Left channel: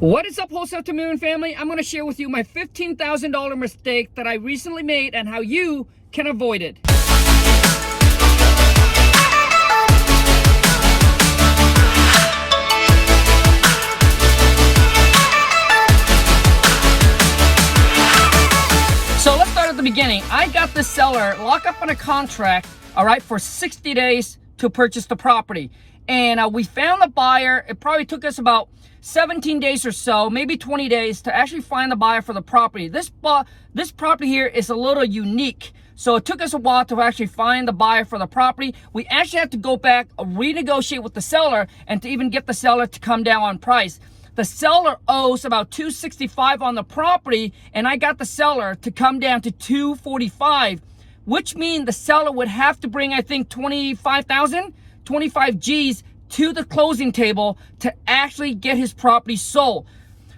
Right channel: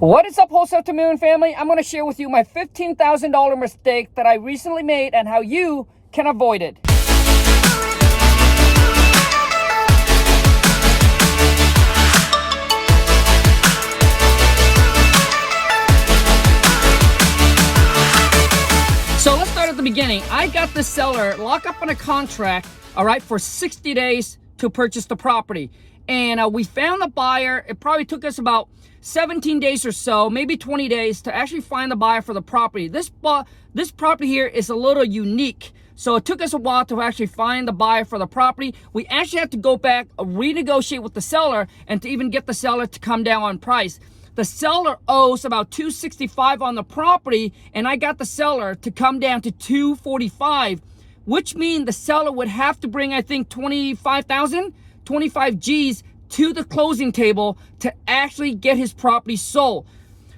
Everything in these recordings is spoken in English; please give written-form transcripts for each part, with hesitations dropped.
What is up, Wholesale to Million family? I'm going to share with you my $15,000 mistake that I recently made and how you can avoid it. So let's start at the beginning. I got the seller locked up on a contract, all right, for 60 days to purchase the property. And we found the buyer. It probably took us about 17 days or so, maybe 20 days to actually find the buyer for the property. This property here is a little unique. So it took us a while to actually find the buyer for the property. We actually had to go back, renegotiate with the seller, and to even get the seller to come down on price. The seller owes about $265 on the property, and I got the seller to come down to $245, which means the seller would have to bring, I think, 25 G's to the closing table to actually get his property sold.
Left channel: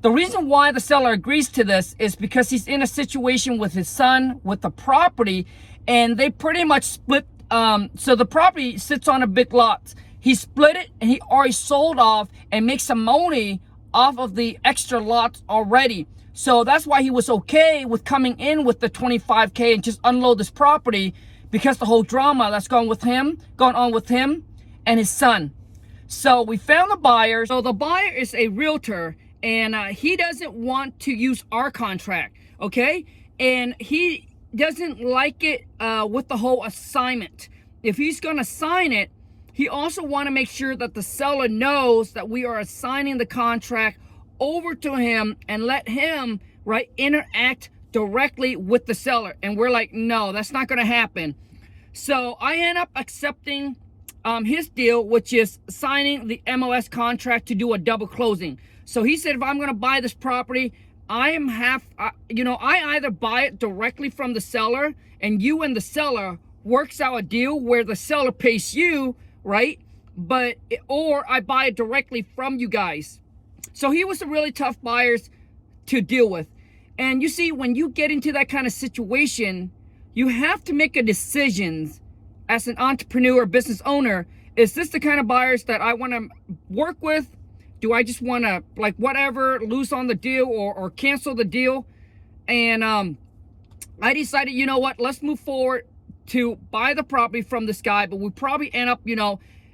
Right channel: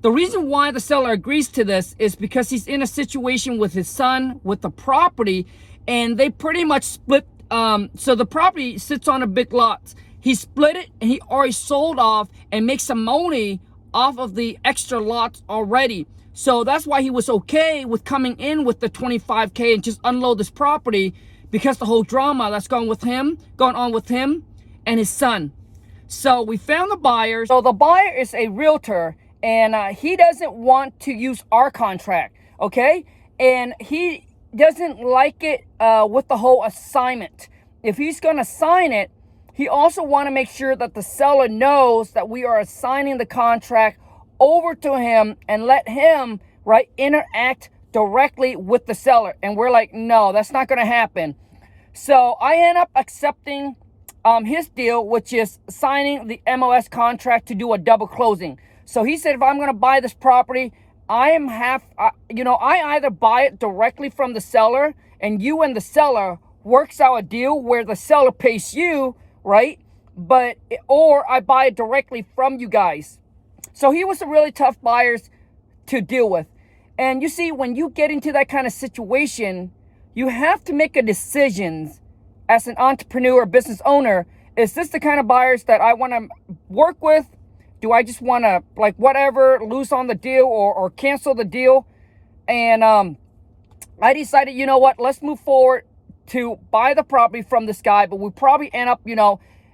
The reason why the seller agrees to this is because he's in a situation with his son with the property, and they pretty much split. So the property sits on a big lot. He split it and he already sold off and makes some money off of the extra lots already. So that's why he was okay with coming in with the 25K and just unload this property, because the whole drama that's going on with him and his son. So we found the buyer. So the buyer is a realtor, and he doesn't want to use our contract, okay? And he doesn't like it with the whole assignment. If he's gonna sign it, he also want to make sure that the seller knows that we are assigning the contract over to him and let him, right, interact directly with the seller. And we're like, no, that's not gonna happen. So I end up accepting his deal, which is signing the MLS contract to do a double closing. So he said, if I'm going to buy this property, I either buy it directly from the seller, and you and the seller works out a deal where the seller pays you, right? Or I buy it directly from you guys. So he was a really tough buyer to deal with. And you see, when you get into that kind of situation, you have to make a decision as an entrepreneur, business owner. Is this the kind of buyers that I want to work with? Do I just want to, like, whatever, lose on the deal or cancel the deal? And I decided, you know what, let's move forward to buy the property from this guy. But we probably end up,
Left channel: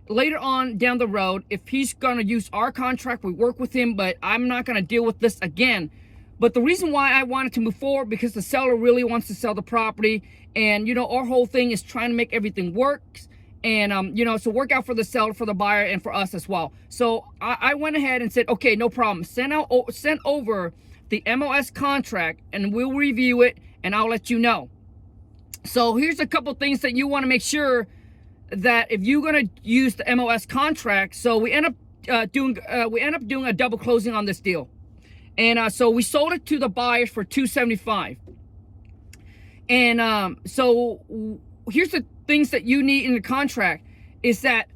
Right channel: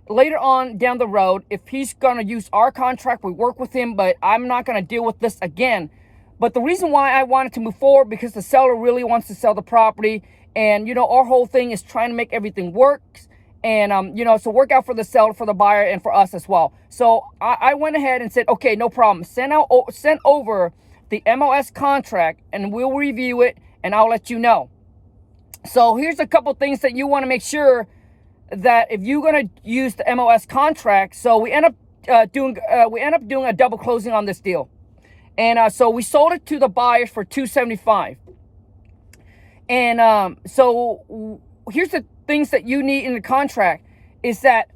later on down the road, if he's going to use our contract, we work with him, but I'm not going to deal with this again. But the reason why I wanted to move forward, because the seller really wants to sell the property. And, our whole thing is trying to make everything work. And, so work out for the seller, for the buyer, and for us as well. So I went ahead and said, okay, no problem. Send over the MLS contract and we'll review it and I'll let you know. So here's a couple things that you want to make sure that if you're going to use the MLS contract. So we end up doing a double closing on this deal. And so we sold it to the buyers for $275. And so here's the things that you need in the contract is that,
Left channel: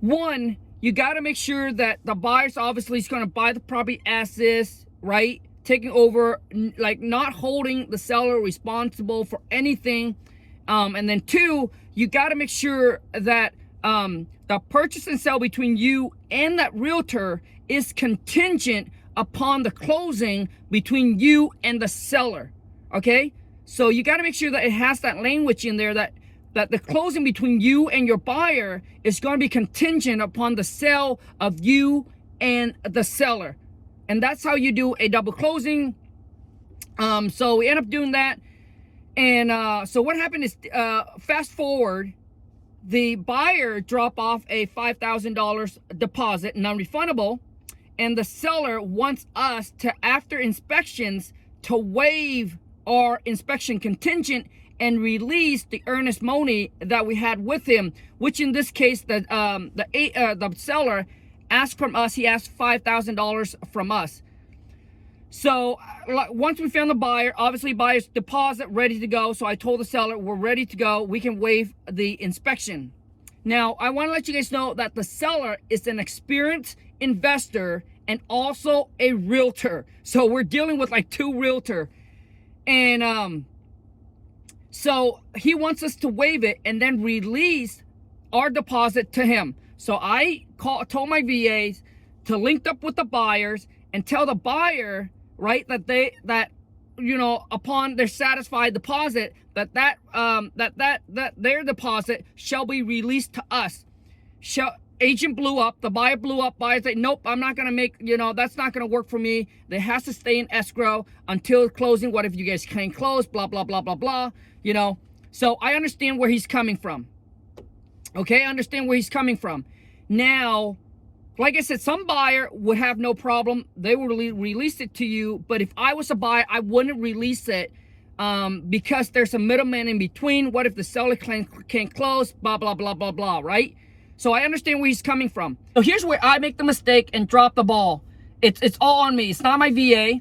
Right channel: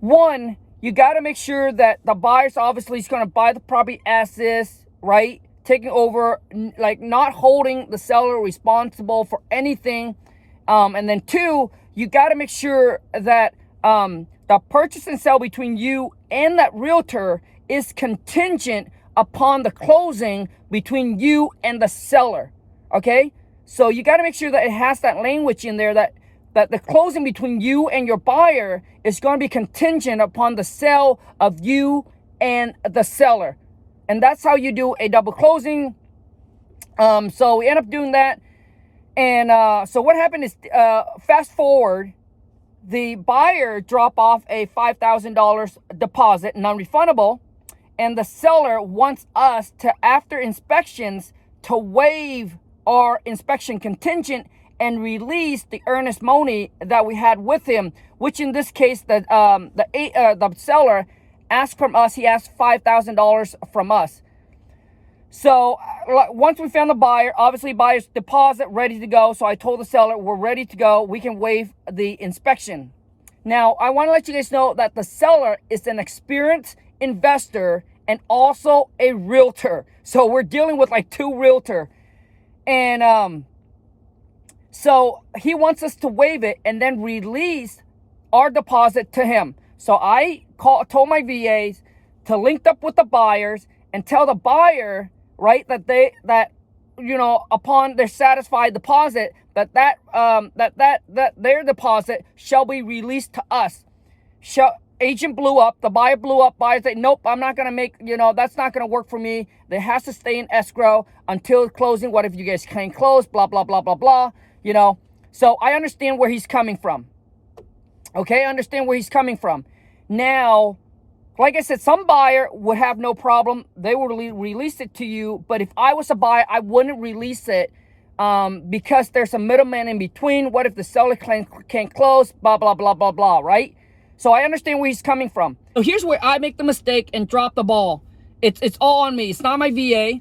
one, you got to make sure that the buyer's obviously is going to buy the property as is, right? Taking over, like not holding the seller responsible for anything. And then two, you got to make sure that the purchase and sale between you and that realtor is contingent upon the closing between you and the seller, okay? So you got to make sure that it has that language in there that the closing between you and your buyer is going to be contingent upon the sale of you and the seller. And that's how you do a double closing. So we end up doing that. And so what happened is, fast forward, the buyer dropped off a $5,000 deposit, non-refundable. And the seller wants us to, after inspections, to waive our inspection contingent and release the earnest money that we had with him, which in this case, the seller asked from us. He asked $5,000 from us. So once we found the buyer, obviously buyer's deposit ready to go. So I told the seller, we're ready to go. We can waive the inspection. Now, I want to let you guys know that the seller is an experienced investor and also a realtor. So we're dealing with like two realtors. And so he wants us to waive it and then release our deposit to him. So I told my VAs to link up with the buyers and tell the buyer, right, that upon their satisfied deposit, that their deposit shall be released to us. Agent blew up, the buyer blew up, buyer said, nope, I'm not gonna make, that's not gonna work for me. It has to stay in escrow until closing. What if you guys can't close? Blah, blah, blah, blah, blah, So I understand where he's coming from. Okay, I understand where he's coming from. Now, like I said, some buyer would have no problem. They will release it to you. But if I was a buyer, I wouldn't release it because there's a middleman in between. What if the seller can't close? Blah, blah, blah, blah, blah, right? So I understand where he's coming from. So here's where I make the mistake and drop the ball. It's all on me. It's not my VA.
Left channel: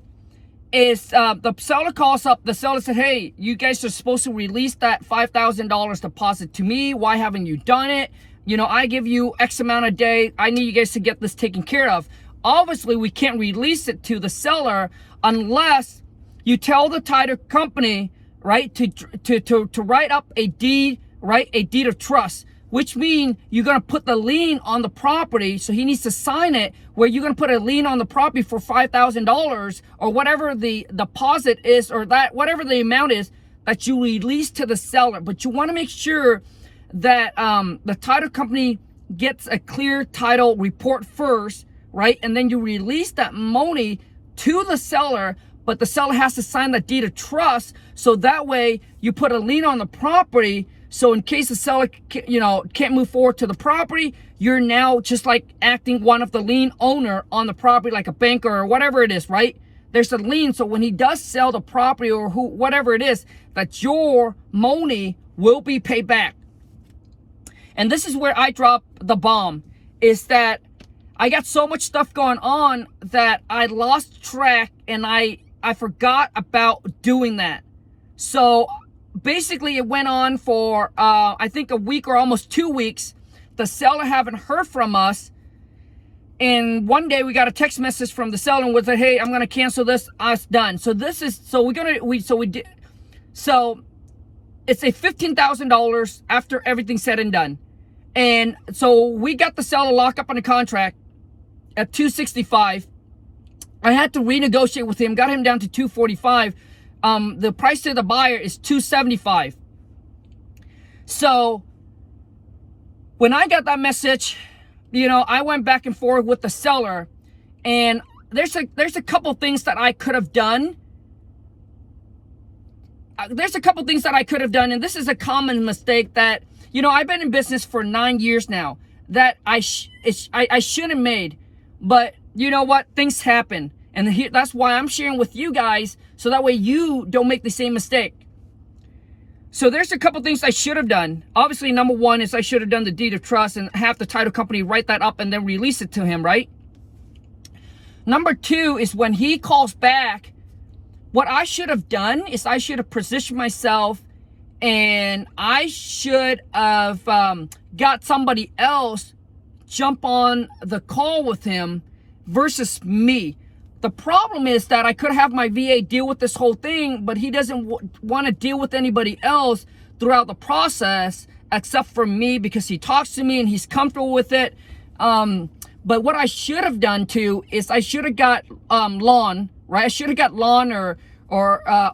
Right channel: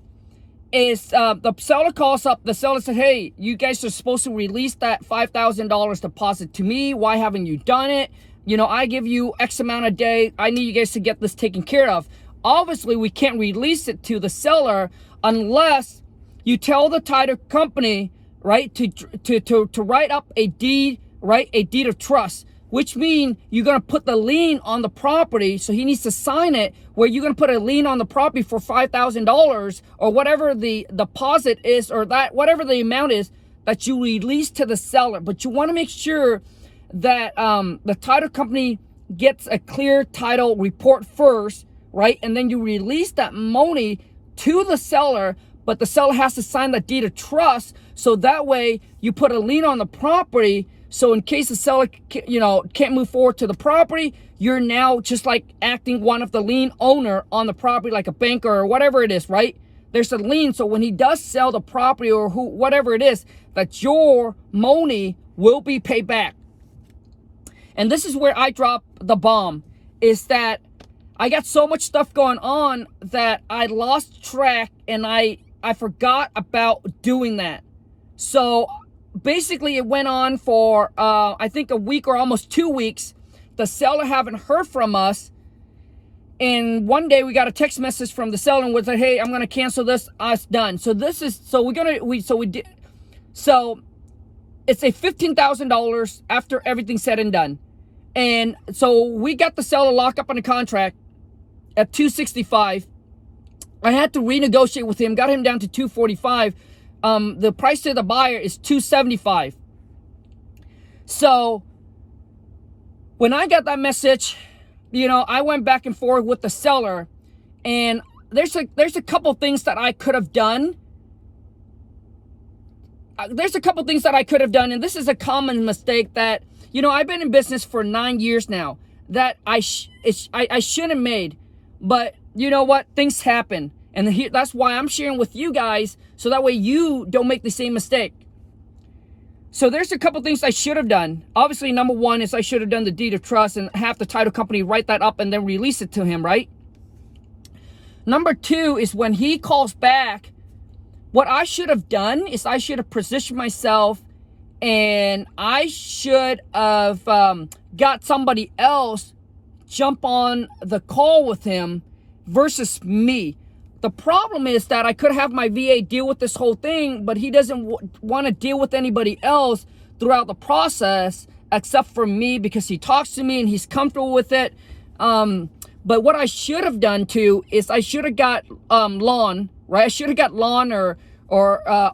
It's the seller calls up. The seller said, hey, you guys are supposed to release that $5,000 deposit to me. Why haven't you done it? I give you X amount a day. I need you guys to get this taken care of. Obviously, we can't release it to the seller unless you tell the title company, right, to write up a deed, right, a deed of trust, which means you're going to put the lien on the property. So he needs to sign it where you're going to put a lien on the property for $5,000 or whatever the deposit is, or that whatever the amount is that you release to the seller. But you want to make sure that the title company gets a clear title report first, right? And then you release that money to the seller, but the seller has to sign that deed of trust. So that way you put a lien on the property. So in case the seller, can't move forward to the property, you're now just like acting one of the lien owner on the property, like a banker or whatever it is, right? There's a lien. So when he does sell the property or whatever it is, that your money will be paid back. And this is where I drop the bomb, is that I got so much stuff going on that I lost track and I forgot about doing that. So basically it went on for, I think a week or almost 2 weeks. The seller haven't heard from us. And one day we got a text message from the seller and was like, hey, I'm going to cancel this. It's done. So it's a $15,000 after everything's said and done. And so we got the seller locked up on a contract at $265. I had to renegotiate with him, got him down to $245. The price to the buyer is $275. So when I got that message, I went back and forth with the seller, and there's a couple things that I could have done. And this is a common mistake that, I've been in business for 9 years now, that I shouldn't have made. But you know what? Things happen. And that's why I'm sharing with you guys, so that way you don't make the same mistake. So there's a couple things I should have done. Obviously, number one is I should have done the deed of trust and have the title company write that up and then release it to him, right? Number two is when he calls back, what I should have done is I should have positioned myself, and I should have got somebody else jump on the call with him versus me. The problem is that I could have my VA deal with this whole thing, but he doesn't want to deal with anybody else throughout the process except for me, because he talks to me and he's comfortable with it. But what I should have done too is I should have got Lon, right? I should have got Lon or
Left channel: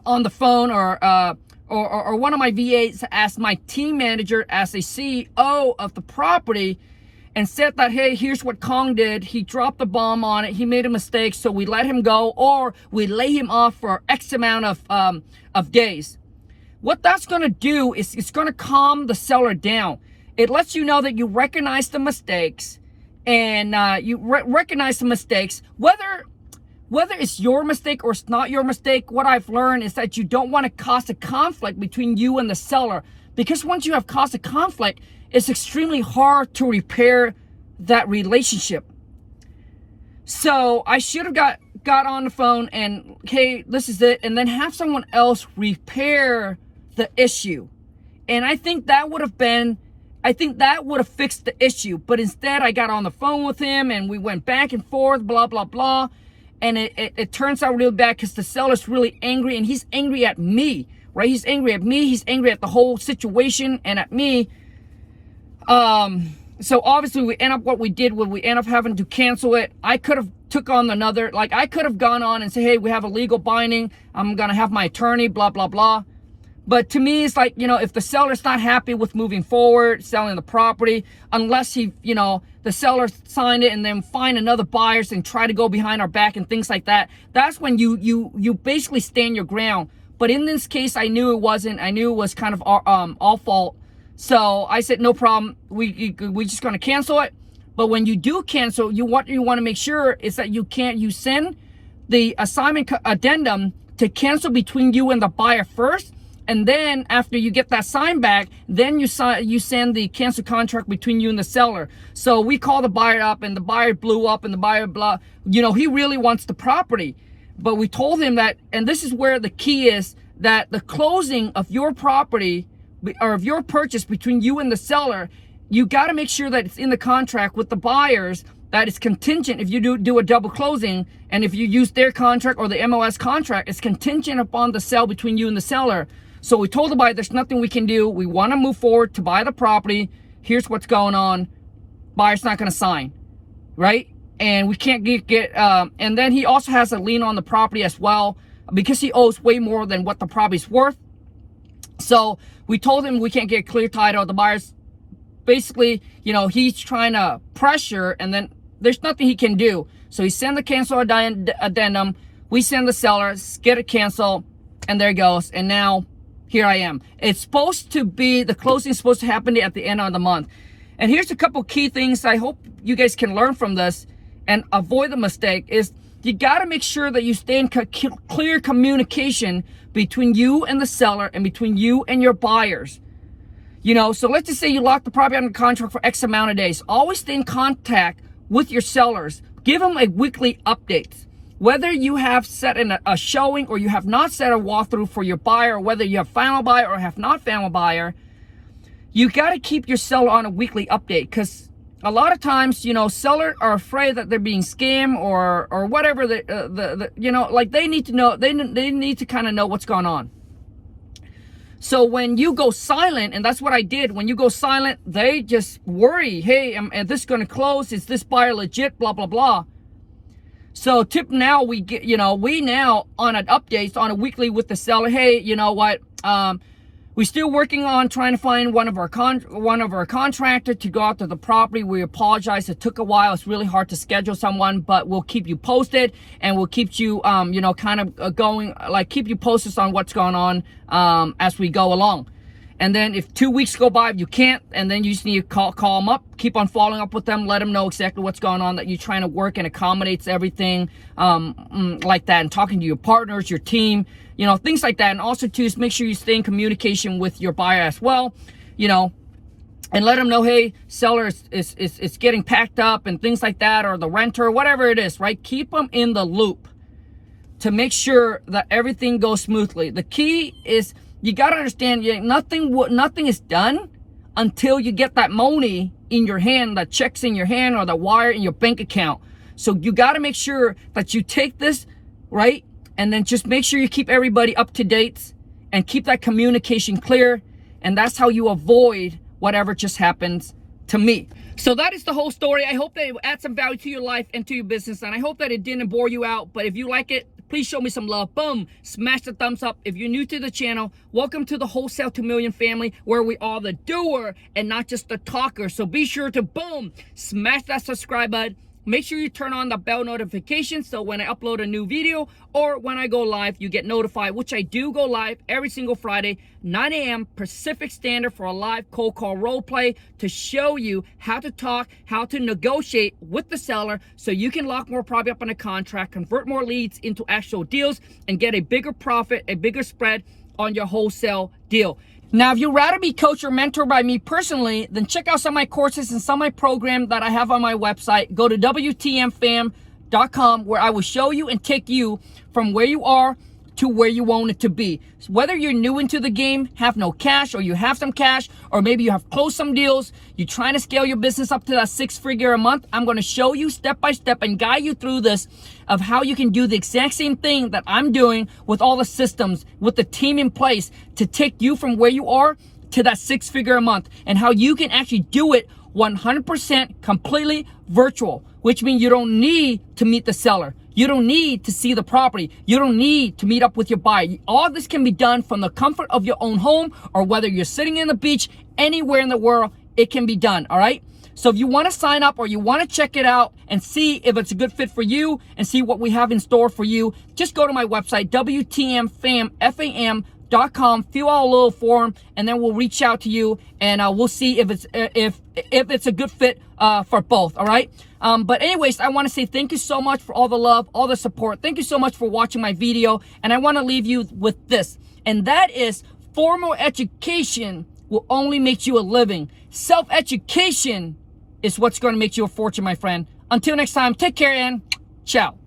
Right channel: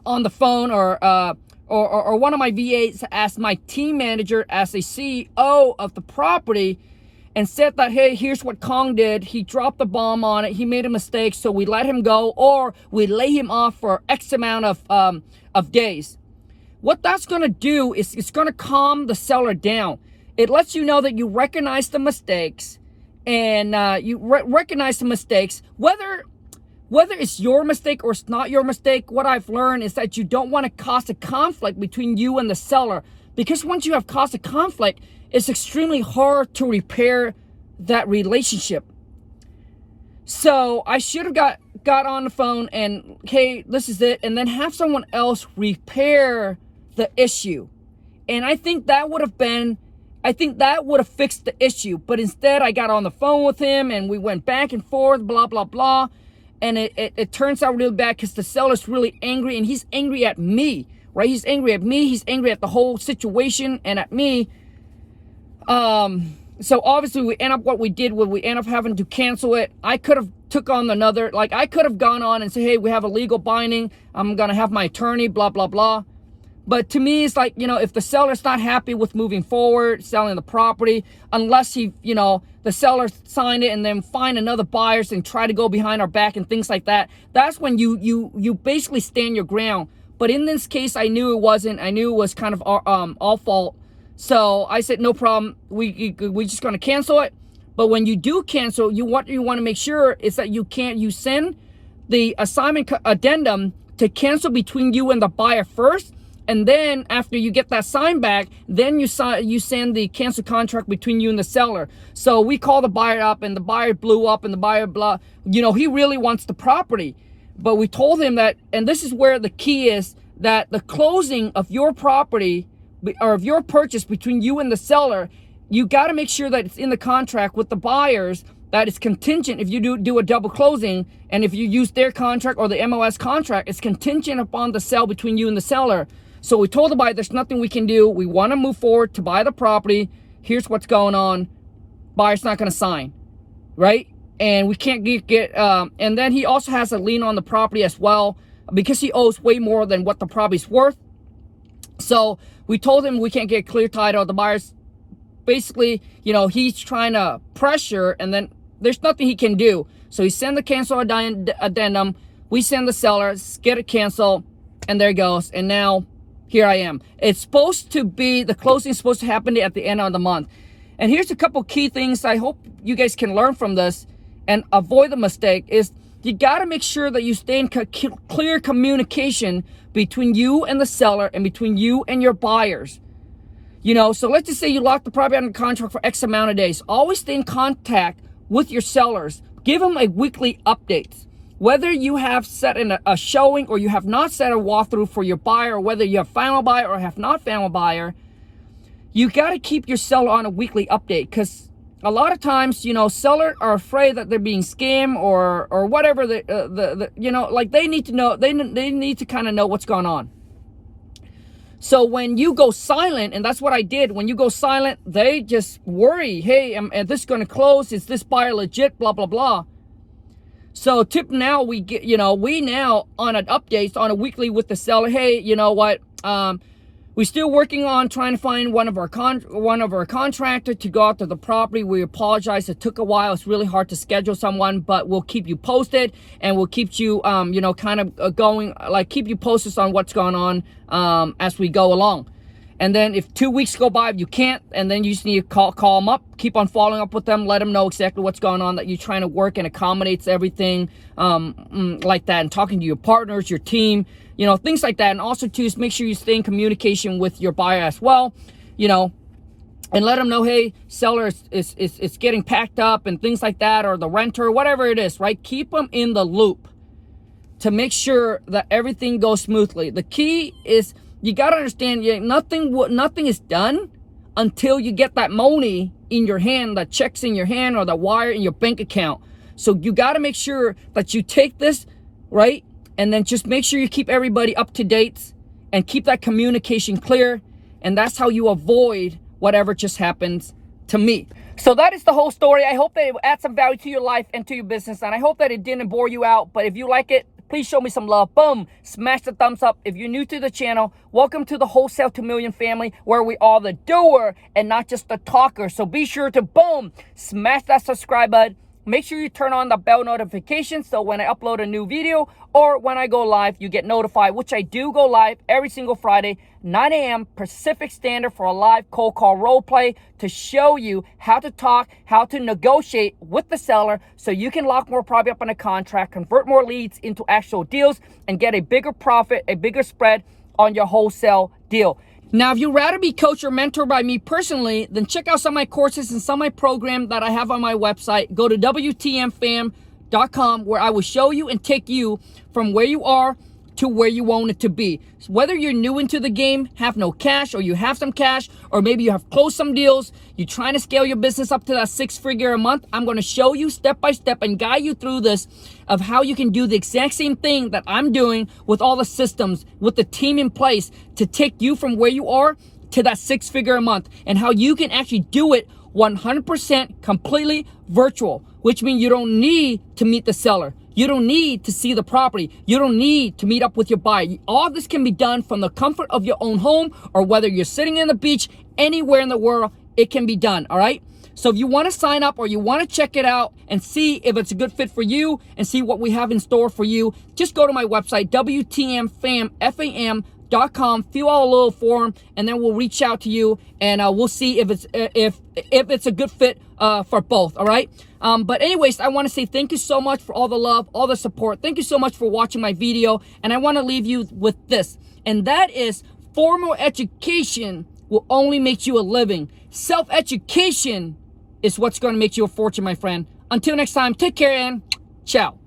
on the phone or one of my VAs as my team manager, as a CEO of the property, and said that, hey, here's what Khang did. He dropped the bomb on it. He made a mistake, so we let him go, or we lay him off for X amount of days. What that's going to do is it's going to calm the seller down. It lets you know that you recognize the mistakes, and you recognize the mistakes, whether it's your mistake or it's not your mistake. What I've learned is that you don't want to cause a conflict between you and the seller, because once you have caused a conflict, it's extremely hard to repair that relationship. So I should have got on the phone and, hey, this is it, and then have someone else repair the issue. And I think that would have fixed the issue. But instead, I got on the phone with him and we went back and forth, blah, blah, blah. And it turns out really bad because the seller's really angry, and he's angry at me, right? He's angry at me. He's angry at the whole situation and at me. So obviously we end up what we did when we end up having to cancel it. I could have took on another, like I could have gone on and say, hey, we have a legal binding, I'm gonna have my attorney, blah, blah, blah. But to me, it's like, you know, if the seller's not happy with moving forward, selling the property, unless he, you know, the seller signed it and then find another buyers and try to go behind our back and things like that, that's when you basically stand your ground. But in this case, I knew it wasn't. I knew it was kind of all fault. So I said, no problem. We're just going to cancel it. But when you do cancel, what you want to make sure is that you send the assignment addendum to cancel between you and the buyer first. And then after you get that sign back, then you send the cancel contract between you and the seller. So we call the buyer up, and the buyer blew up, and the buyer you know, he really wants the property. But we told him that, and this is where the key is, that the closing of your property or of your purchase between you and the seller, you got to make sure that it's in the contract with the buyers, that it's contingent. If you do a double closing, and if you use their contract or the MLS contract, it's contingent upon the sale between you and the seller. So we told the buyer, there's nothing we can do. We want to move forward to buy the property. Here's what's going on. Buyer's not going to sign, right? And we can't and then he also has a lien on the property as well, because he owes way more than what the property's worth. So we told him we can't get clear title. The buyer's basically, you know, he's trying to pressure, and then there's nothing he can do. So he sent the cancel addendum. We send the seller, get it canceled, and there it goes. And now here I am. It's supposed to be, the closing is supposed to happen at the end of the month. And here's a couple key things I hope you guys can learn from this and avoid the mistake is you got to make sure that you stay in clear communication between you and the seller and between you and your buyers. You know, so let's just say you lock the property under contract for X amount of days. Always stay in contact with your sellers. Give them a weekly update. Whether you have set in a showing or you have not set a walkthrough for your buyer, or whether you have final buyer or have not final buyer, you got to keep your seller on a weekly update, because a lot of times, you know, sellers are afraid that they're being scammed or whatever. You know, like they need to know, they need to kind of know what's going on. So when you go silent, and that's what I did, when you go silent, they just worry, hey, is this going to close? Is this buyer legit? Blah, blah, blah. So tip now, we get, you know, we now on an updates on a weekly with the seller. Hey, you know what? We're still working on trying to find one of our contractor to go out to the property. We apologize. It took a while. It's really hard to schedule someone, but we'll keep you posted, and we'll keep you, you know, kind of going, like keep you posted on what's going on as we go along. And then if 2 weeks go by, you can't, and then you just need to call them up, keep on following up with them, let them know exactly what's going on, that you're trying to work and accommodates everything like that, and talking to your partners, your team, you know, things like that. And also too, is make sure you stay in communication with your buyer as well, you know, and let them know, hey, seller is getting packed up and things like that, or the renter, whatever it is, right? Keep them in the loop to make sure that everything goes smoothly. The key is, you got to understand, nothing is done until you get that money in your hand, that check's in your hand, or the wire in your bank account. So you got to make sure that you take this, right? And then just make sure you keep everybody up to date and keep that communication clear. And that's how you avoid whatever just happens to me. So that is the whole story. I hope that it adds some value to your life and to your business. And I hope that it didn't bore you out. But if you like it, please show me some love. Boom. Smash the thumbs up. If you're new to the channel, welcome to the Wholesale to Million family, where we are the doer and not just the talker. So be sure to, boom, smash that subscribe button. Make sure you turn on the bell notification, so when I upload a new video or when I go live, you get notified, which I do go live every single Friday, 9 a.m. Pacific Standard, for a live cold call role play to show you how to talk, how to negotiate with the seller so you can lock more property up on a contract, convert more leads into actual deals, and get a bigger profit, a bigger spread on your wholesale deal. Now, if you'd rather be coached or mentored by me personally, then check out some of my courses and some of my programs that I have on my website. Go to WTMFam.com, where I will show you and take you from where you are to where you want it to be. So whether you're new into the game, have no cash, or you have some cash, or maybe you have closed some deals, you're trying to scale your business up to that 6-figure a month, I'm going to show you step by step and guide you through this of how you can do the exact same thing that I'm doing with all the systems, with the team in place to take you from where you are to that 6-figure a month, and how you can actually do it 100% completely virtual which means you don't need to meet the seller. You don't need to see the property. You don't need to meet up with your buyer. All this can be done from the comfort of your own home, or whether you're sitting in the beach, anywhere in the world, it can be done, all right? So if you want to sign up or you want to check it out and see if it's a good fit for you and see what we have in store for you, just go to my website, WTMFAM.com, fill out a little form, and then we'll reach out to you, and we'll see if it's a good fit for both, all right? But anyways, I want to say thank you so much for all the love, all the support. Thank you so much for watching my video, and I want to leave you with this, and that is formal education will only make you a living. Self-education is what's going to make you a fortune, my friend. Until next time, take care and ciao.